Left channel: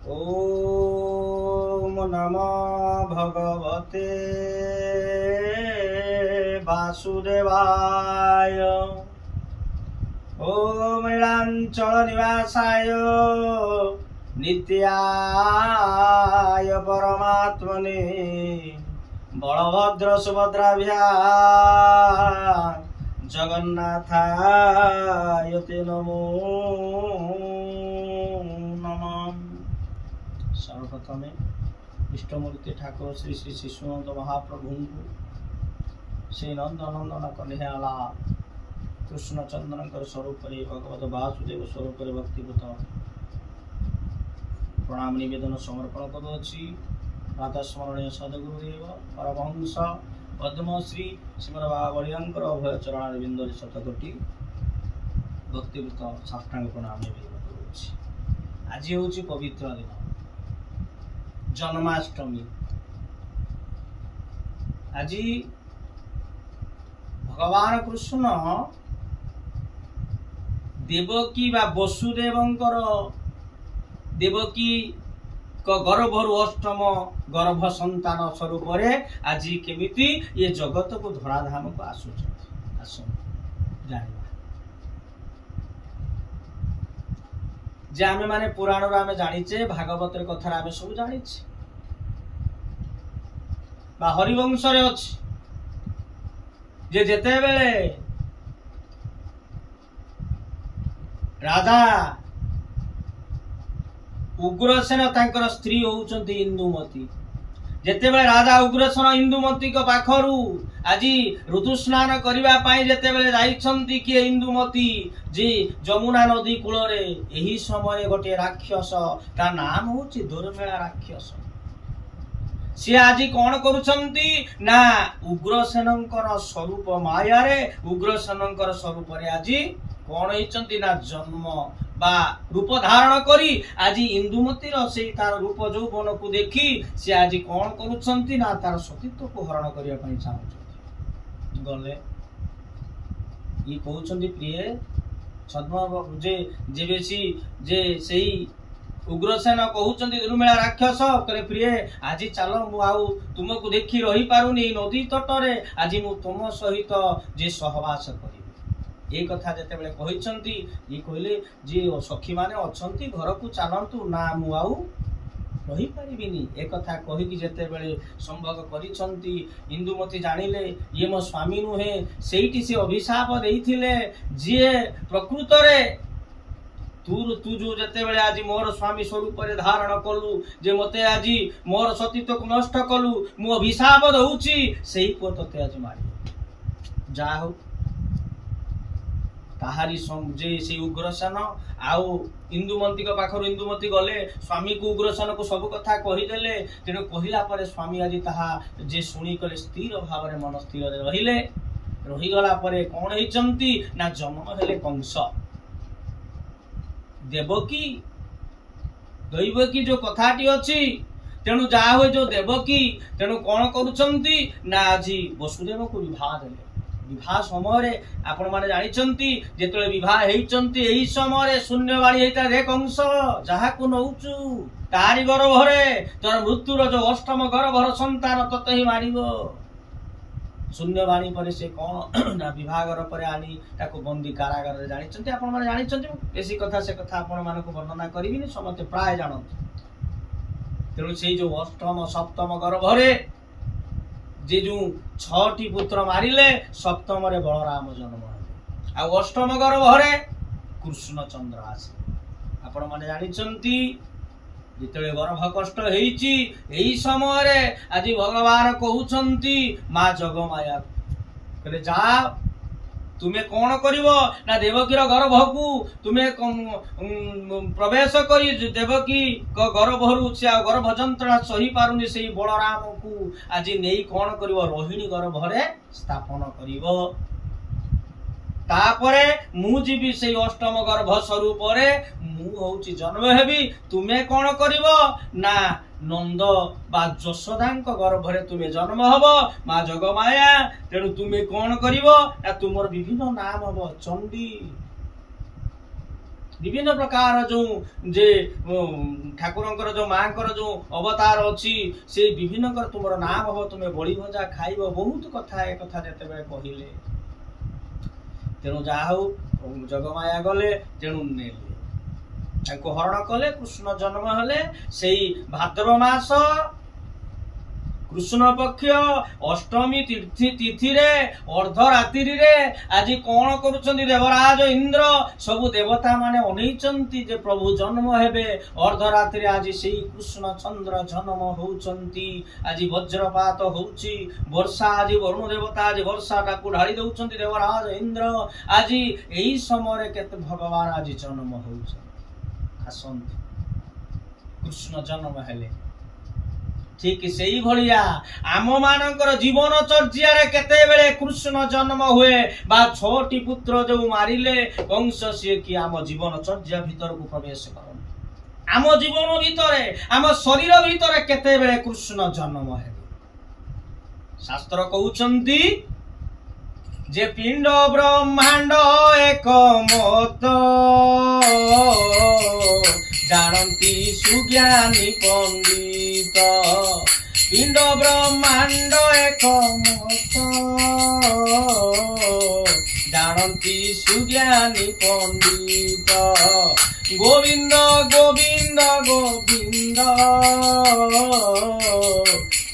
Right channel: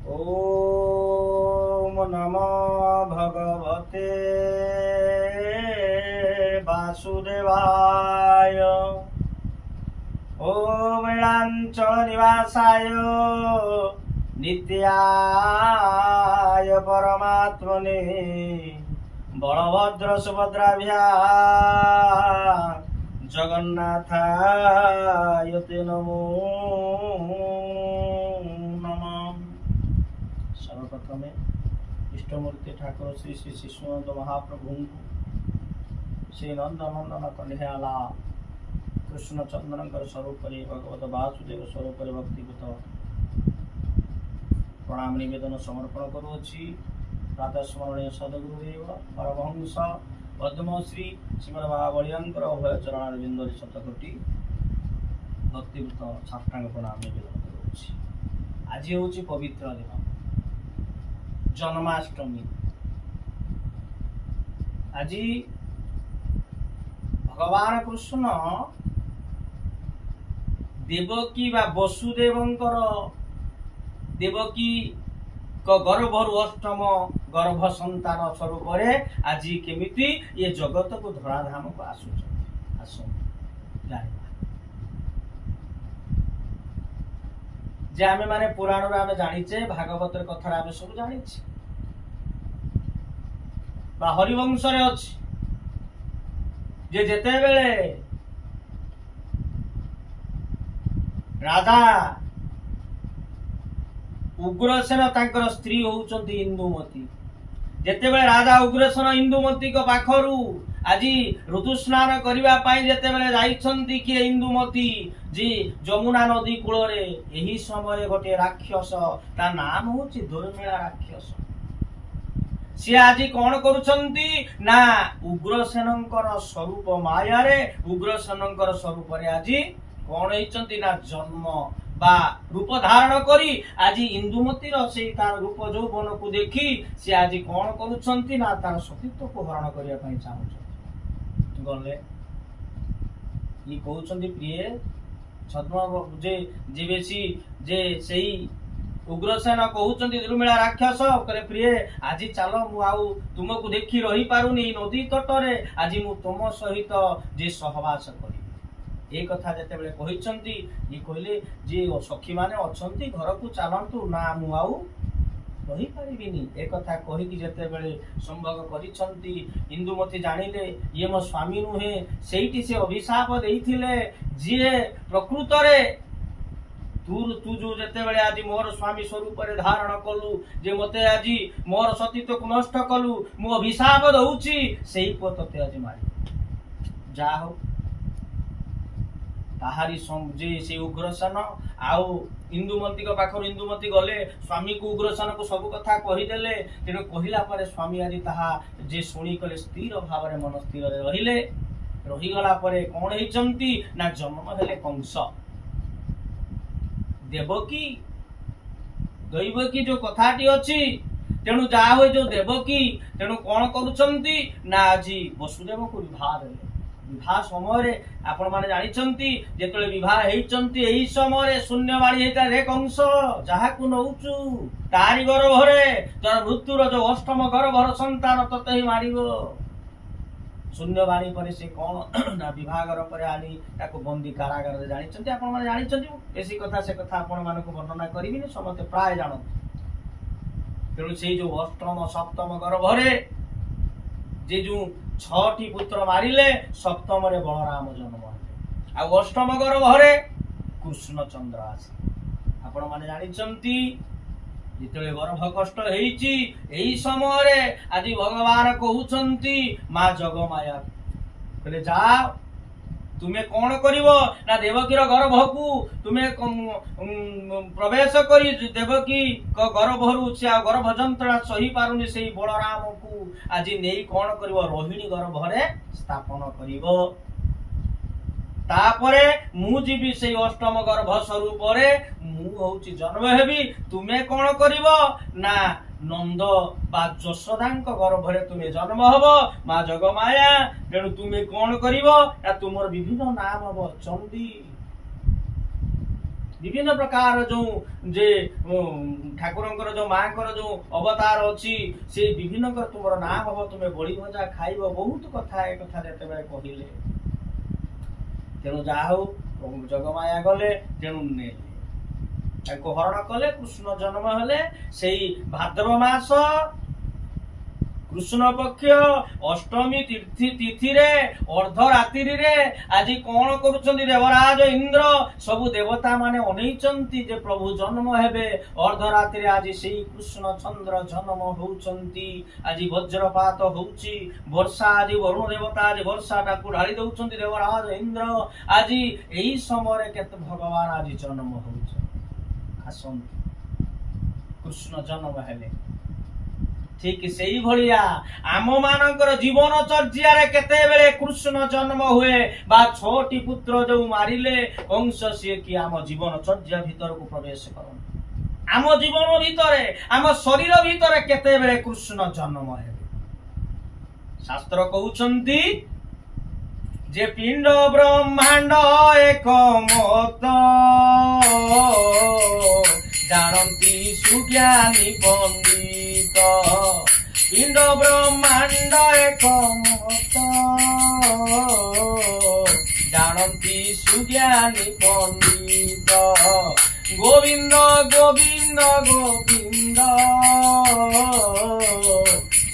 ओम नमो भगवते वासुदेवाय। ओम नीलांचल निवासाय नित्याय परमात्मने बलभद्र सुभद्राभ्यां जगन्नाथाय ते नमो नमः। सर्वप्रथमे इष्टमूर्ति ठाकुर श्री श्री शिशुनंद महाप्रभु श्री नंदनंदन कन्हैयाला कृष्णचंद्र स्वरूप भगवत वासुदेव स्वरूप भक्तिपूत प्रणाम निवेदन समर्पण करुच्ची। राधा स्मरणीय सदगुरुदेव परमहंस पद्मश्री श्रीमद बाबलियांकर अभय चरण बिंदुरी शतकोटी भक्तिपूत साष्टांग प्रणाम निवेदन करुच्ची। आज हूँ पवित्र दिन जन्माष्टमी। आज भगवान कृष्ण देवकी बा वसुदेवंकर देवकी गर्भरु अष्टम गर्भ संतान स्वरूप आज केमिति ये जगत को धराधाम को जे आमे माने पुराण आमे जानिचे भागवत कथा आमे सब जानिचे बा हरिवंश रे अछि जे जेते बेले राजा उग्रसेन तांकर स्त्री होउचंती इंदुमती। जेतेबेले राजा उग्रसेन इंदुमती को पाखरु आज ऋतु स्नान करिबा पाई जेतेबेले जाइछंती कि इंदुमती जे जमुना नदी कूल रे एही समय गोटे राक्षस ता नाम होची दुर्मेला राक्षस सी आज कौन करुछंती ना उग्रसेनंकर स्वरूप माया रे उग्रसेनंकर स्वरूप रे आज कौन होइछंती ना जन्म बा रूप धारण करी आज इंदुमती से तार रूप यौवन को देखी से आज कौन करुछंती ना तार सतीत्व को हरण करिया पई चाहउछंती। गले ई कहउछंती प्रिय छद्म जे जेबेसी जे सेही उग्रसेन कहउछंती दुर्मिला राक्षस करे प्रिय आज चलो मु आउ तुमको देखी रही पारुनी नदी तटरे आज मु तुम सहित जे सहवास करी ये कथा जते बेले कहिसंती ये कहले जे सखी माने अछंती घर को चलंतु ना मु आउ रही परिबिनी ए कथा कहि कि जते बेले संभोग करिसंती इंदुमती जानिले ये मो स्वामी नुहे सेठी से अभिशाप देइथिले जे प्रकृत रे तू जो जते बेले आज मोर स्वामी स्वरूप रे धारण कलु जे मते आज मोर सतीत्व को नष्ट कलु मु अभिशाप दउची सेही पो तते आज मारी जा हो ताहारी जे से उग्रसेन आउ इंदुमती को पाखर इंदुमती गले स्वामी को उग्रसेन को सब कथा कहीदेले तेणु कहला पर स्वामी आज ताहा जे सुनी कले स्थिर भाव रे मन स्थिर रे रहिले रहीगला परे कौन होइचंती ना जन्म हेले कंस देवकी दैवकी जो कथाटी अछि तेणु जा हो जो देवकी तेणु कौन करुछंती ना आज वसुदेव को विवाह देले। विवाह समय आपण माने जानिछंती जेतले विवाह हेइचंती एही समय शून्यवाणी हेता रे कंस जहा को नउचु तारी गर्भरे तोर मृत्युर जो अष्टम गर्भर संतान तते ही मारिबो शून्यवाणी पर से कौन ना विभागर पर आनी ताको बंदी कारागार रे जानिछंती आपण माने जानिछंती एसी कथा से कथा आपण माने को वर्णना करिबिनी समते प्राय जानत। तेणु से जो अष्टम सप्तम गर्भरे जे जो 6टी पुत्र मारिले सप्तम रे बलराम जन्म आ अष्टम गर्भरे कृष्णचंद्र आसे आपण माने जानिछंती जितले गर्भ कष्ट हेइची एही समय रे आज भगवान कहउछंती मां जगमाया कहले जा तुम्हें कौन करिवो ना देवकीर गर्भ को तुम्हें प्रवेश करी देवकी गर्भरु से गर्भ जंत्रणा सही पारुनी से बलराम को आज नहीं कौन करिवो रोहिणी गर्भरे स्थापन करिवो तापरे मु जीवी से अष्टम गर्भ स्वरूप रे मु होउची जन्म हेबी तुम्हें कौन करिवो ना नंद बा जशोदांक गर्भरे तुम्हें जन्म हब मां जगमाया तेणु तुम्हें कौन करिवो ना तुमर विभिन्न नाम हब चंडी विभिन्न प्रकार जो जे ठाकुरंकर जो मांकर जो अवतार अच्छी से विभिन्न कर तुम नाम हम तुम्हें बड़ी भजा खाइब बहुत कथा ए कथा जते बेले कहिले तेणु जा हो जगमाया गले तेणु नेले हरण कले कृष्ण जन्म हेले से भाद्रव मास कृष्ण पक्ष अष्टमी तिथि रे अर्धरात्रि रे आज कौन करुछंती देवराज इंद्र सबु देवता माने अनैचंती जे प्रभु जन्म हेबे अर्धरात्रि आज से कृष्ण चंद्र जन्म होउचंती आज वज्रपात होउची वर्षा आज वरुण देवता आज वर्षा टाकू ढाली दउचंती देवराज इंद्र आज एही समय केते भगवान आज जन्म होउछ आसंती कृष्ण जन्म हेले ठीक से भलिया आम मानकर जीवन चर्या केते बेले कृष्ण जन्म हुए बा छोटी पुत्र जो मारिले कंस सी कि आम जीवन चर्या भीतर को प्रवेश कर आम जीवन भीतर आम शरीर भीतर केते बेले कृष्ण जन्म है शास्त्र कहउचंती जे पिंड ब्रह्मांड एक मत जानती सुज्ञानी पंडित पिंड ब्रह्मांड एक मत जानती सुज्ञानी पंडित गोविंद गोविंद गोविंद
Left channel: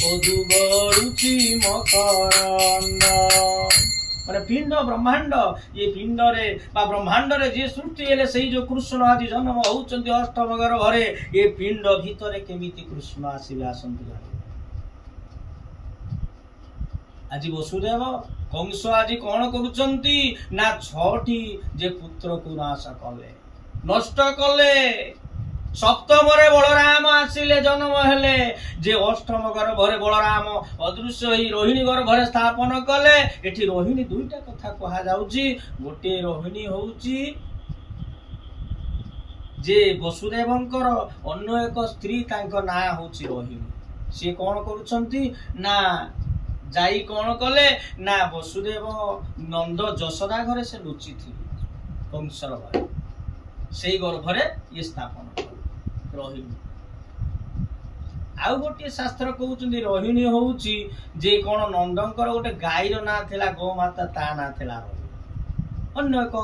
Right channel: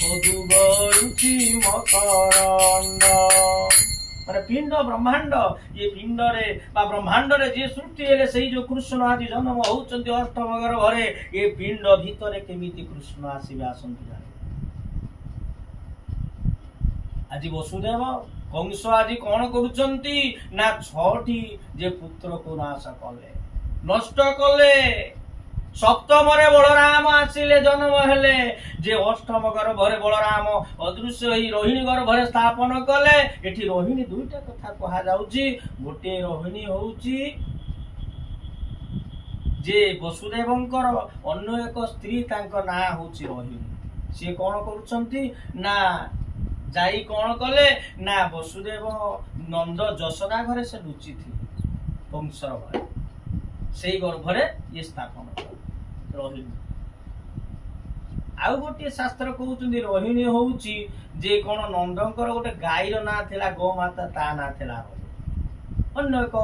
मधु गरुचि मकरंद माने पिंड ब्रह्मांड ये पिंड रे बा ब्रह्मांड रे जे सृष्टि हेले सेही जो कृष्ण आज जन्म होउचंती अष्टम गर्भरे ये पिंड भीतर केमिति कृष्ण आसीबे आसंती जाने आज वसुदेव कंस आज कौन करुचंती ना छठी जे पुत्र को नाश कले नष्ट कले सप्तम रे बलराम आसिले जन्म हेले जे अष्टम गर्भरे बलराम अदृश्य ही रोहिणी गर्भरे स्थापन कले एठी रोहिणी दुईटा कथा कहा जाउची गोटे रोहिणी होउची जे वसुदेवंकर अन्य एक स्त्री तांको ना होउची रोहिणी से कौन करुचंती ना जाई कौन कले ना वसुदेव नंद जशोदा घरे से लुचि थी कंसर घरे सेई गर्भरे ये स्थापन कले रोहिणी आउ गोटे शास्त्र कहउचंदी रोहिणी होउची जे कोन नंदंकर गोटे गाईर ना थिला गोमाता ता ना थिला रोहिणी अन्य एक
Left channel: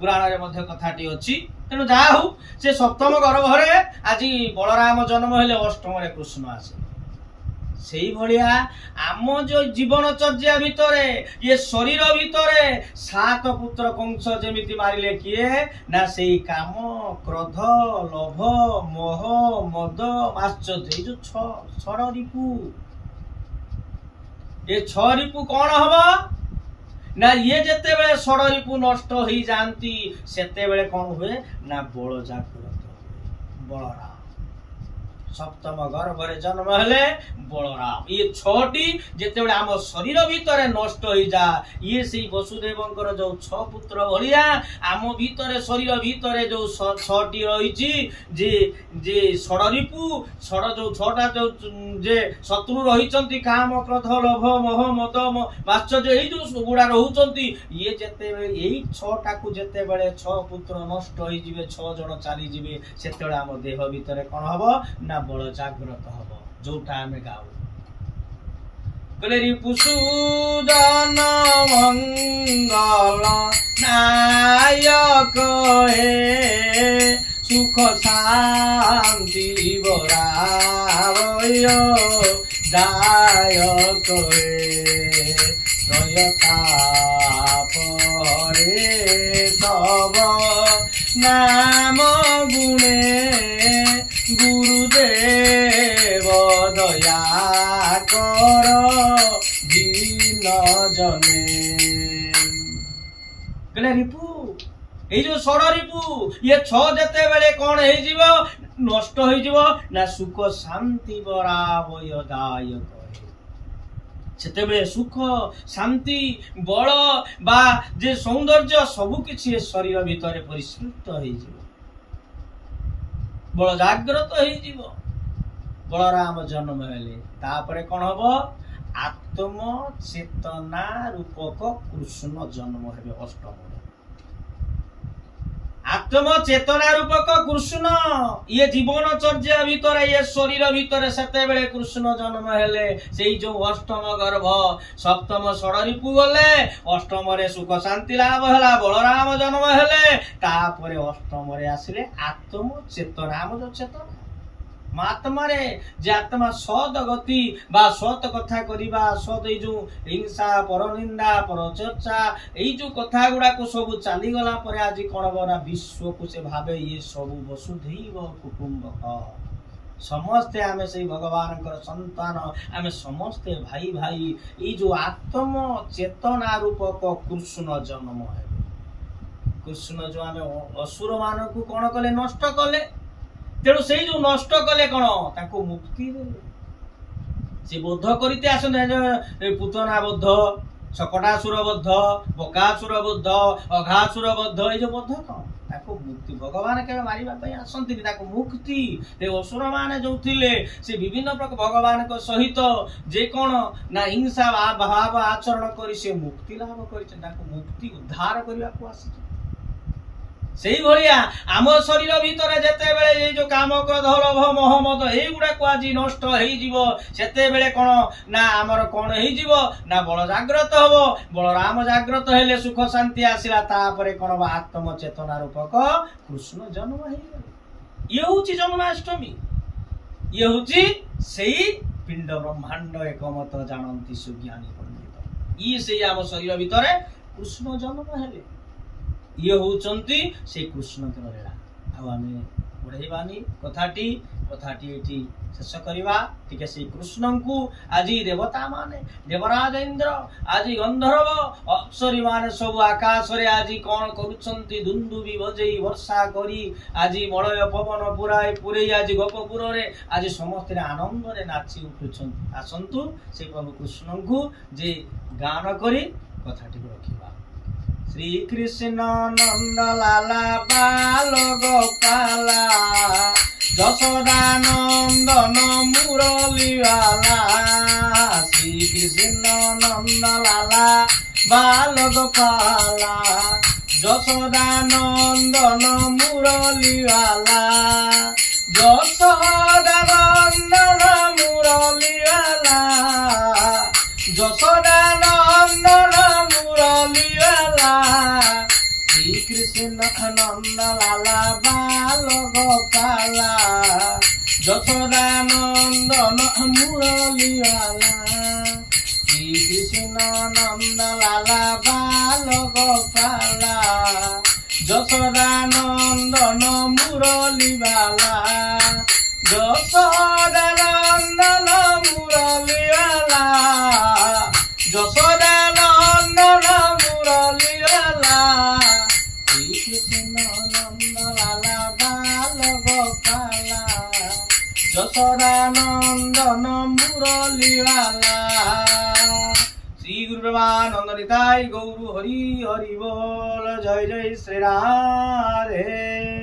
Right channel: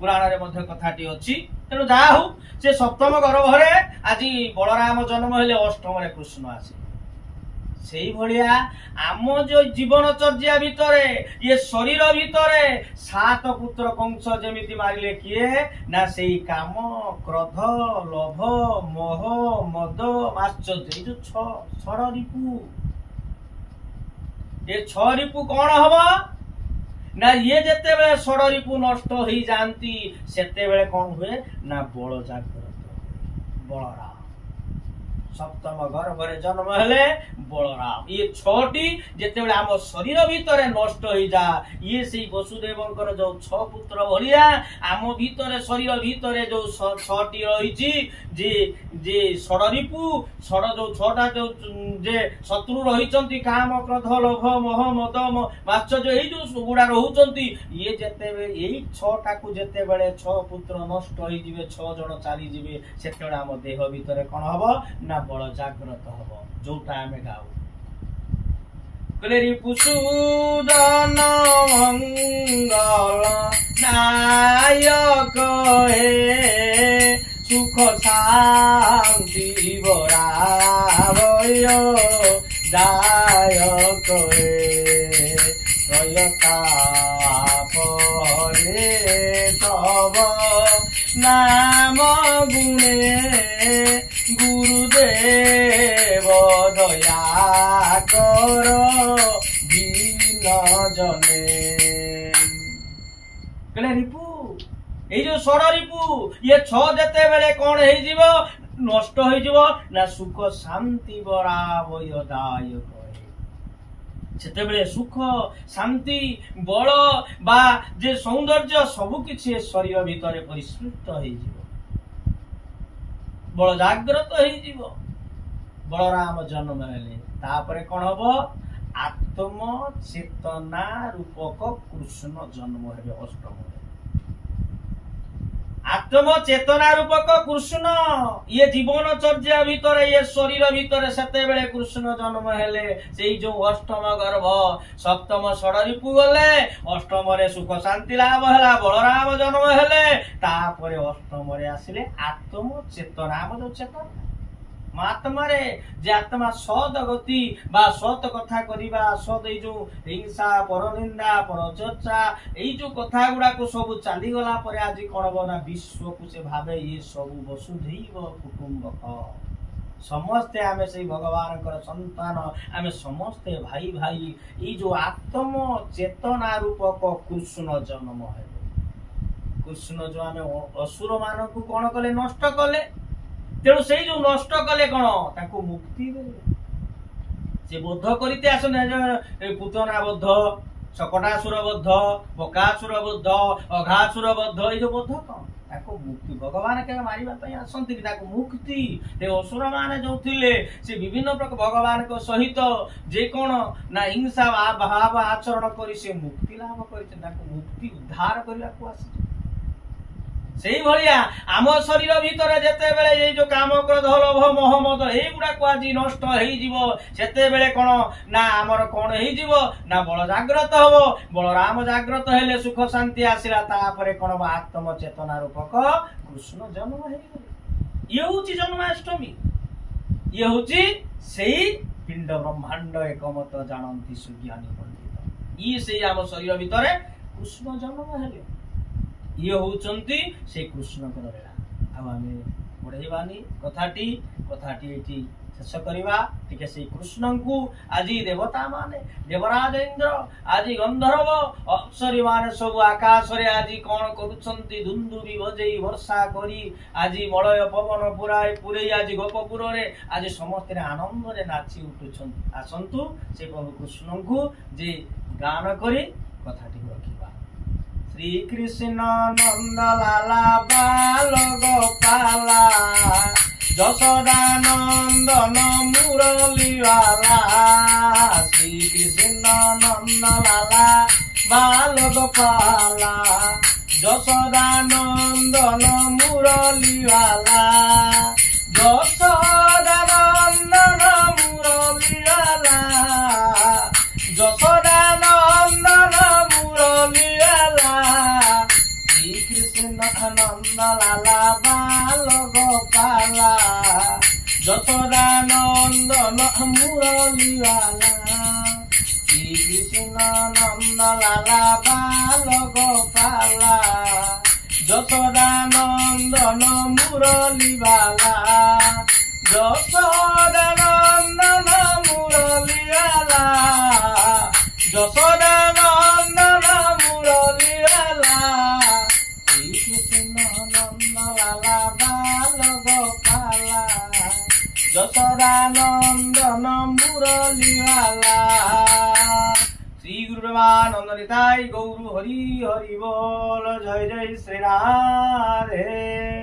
पुराण रे मध्ये कथाटी अछि तेनु जाहु से सप्तम गर्भरे आज बलराम जन्म हेले अष्टम रे कृष्ण आसे सेही भलिया आम जो जीवन चर्या भितरे ये शरीर भितरे सात पुत्र कंस जेमिति मारिले किए ना सेही काम क्रोध लोभ मोह मद माश्चर्य जो छड़ रिपु ये छ रिपु कौन हबो ना ये जेते बेले छड़ रिपु नष्ट होई जानती सेते बेले कौन हुए ना बल जागृत बलराम सप्तम गर्भरे जन्म हेले बलराम ये छटी जेते बेले आम शरीर भितर नष्ट हो जा ये से वसुदेवंकर जो छ पुत्र भलिया आम भितर शरीर भितर जो छटी रही जे जे षडरिपु छड़ जो छटा जो जे शत्रु रही काम क्रोध लोभ मोह मद माश्चर्य यही जो गुड़ा रहउचंती ये जेते बेले यही छटा को जेते बेले छ पुत्र नष्ट हो जिवे छ जण चली जिवे सेते बेले आम देह भितर कोन हबो ना बल जागृत हब जोटा आमे गाऊ कले रिपुसूदन मंगल नायक हे सुख शांति बरावय दायक हे सयता परे तब नाम गुणे गुरुदेव दया कर दीन जने कले रिपु ए जो षड़ रिपु ये छ जेते बेले कौन हे जीवो नष्ट हो जीवो ना सुख शांति बरावय दायक सेते बेले सुख शांति बल बा जे सौंदर्य सबु किछि शरीर भितर परिस्फुट हो जीवो बल जागृत हो बलराम जन्म हेले तापरे कौन हबो आत्म चेतना रूपक कृष्ण जन्म हेबे अष्टम आत्म चेतना रूपक कृष्ण ये जीवनचर्या भितर ये शरीर भितर सेते बेले कृष्ण जन्म हेले से जो अष्टम गर्भ सप्तम षडरिपु गले अष्टम रे सुख शांति लाभ हैला बलराम जन्म हेले तापरे अष्टम रे आसिले आत्म चेतना जो चेतना आत्मा रे जे आत्मा सद गति बा सत कथा करिबा सद ए जो हिंसा परनिंदा परचर्चा ए जो कथा गुडा को सब चाली गला परे आज कोन बना विश्व को से भाबे ये सब वसुधैव कुटुंबक समस्ते आमे से भगवान कर संतान आमे समस्ते भाई भाई ए जो आत्म चेतना रूपक कृष्ण जन्म है कृष्ण जो आमे असुर मान को कोन कले नष्ट कले तेणु से जो नष्ट कले कौन ताको मुक्ति देले से बोध करते आसन पुतना बोध शकटासुर बोध बकासुर बोध अघासुर बोध ये जो बोध कौन ताको मुक्ति भगवान के मारिबा पई आसंती ताको मुक्ति ते असुर माने जो थिले से विभिन्न प्रकार भगवान को सहित जे कोन ना हिंसा भाव आचरण करी से मुक्ति लाभ करिसे ताको मुक्ति उद्धार करबा को आसी सेही भलिया आम शरीर भितर जेते बेले ये जो काम क्रोध लोभ मोह मद ए गुडा को आज नष्ट हेई जीवो सेते बेले कोन ना हमर कोन हेई जीवो ना बल जागृत हबो बलराम जागृत हेले सुख शांति आसिला तापरे कोन आत्म चेतना रूपक कृष्ण जन्म हेई गले ये होची जन्माष्टमी ये होची सेही पिंड ब्रह्मांड एकमत जानंती सुज्ञानी पंडित ई सेही आम शरीर भितर कृष्ण जन्म हेले ये होचंती से कृष्ण के लीला अब आमे बढ़ेबानी कथाटी एठी शेष करबा ठीक से कृष्ण को आज देवता माने देवराज इंद्र आज गंधर्व अप्सरी माने सब आकाश रे आज कोन करूछंती दुंदुबी बजेई वर्षा करी आज मलय पवन पुराई पुरे आज गोपपुर रे आज समस्त आनंद रे नाची उठुछंती आसंतु से प्रभु कृष्ण को जे गान करी कथाटी रखिबा श्री कृष्ण नंद लाला बाल गोपाला যশোদা নন্দন মুরলী वाला श्री कृष्ण नंद लाला बाल गोपाला যশোদা নন্দন মুরলী वाला যশোদা নন্দন মুরলী वाला যশোদা নন্দন মুরলী वाला श्री कृष्ण नंद लाला बाल गोपाला যশোদা নন্দন মুরলী वाला श्री कृष्ण नंद लाला बाल गोपाला যশোদা নন্দন মুরলী वाला যশোদা নন্দন মুরলী वाला যশোদা নন্দন মুরলী वाला श्री कृष्ण नंद लाला बाल गोपाला যশোদা নন্দন মুরলী वाला श्री गुरु ब्रह्मानंद निताई गौर हरि हरि बोल जय जय श्री राधे।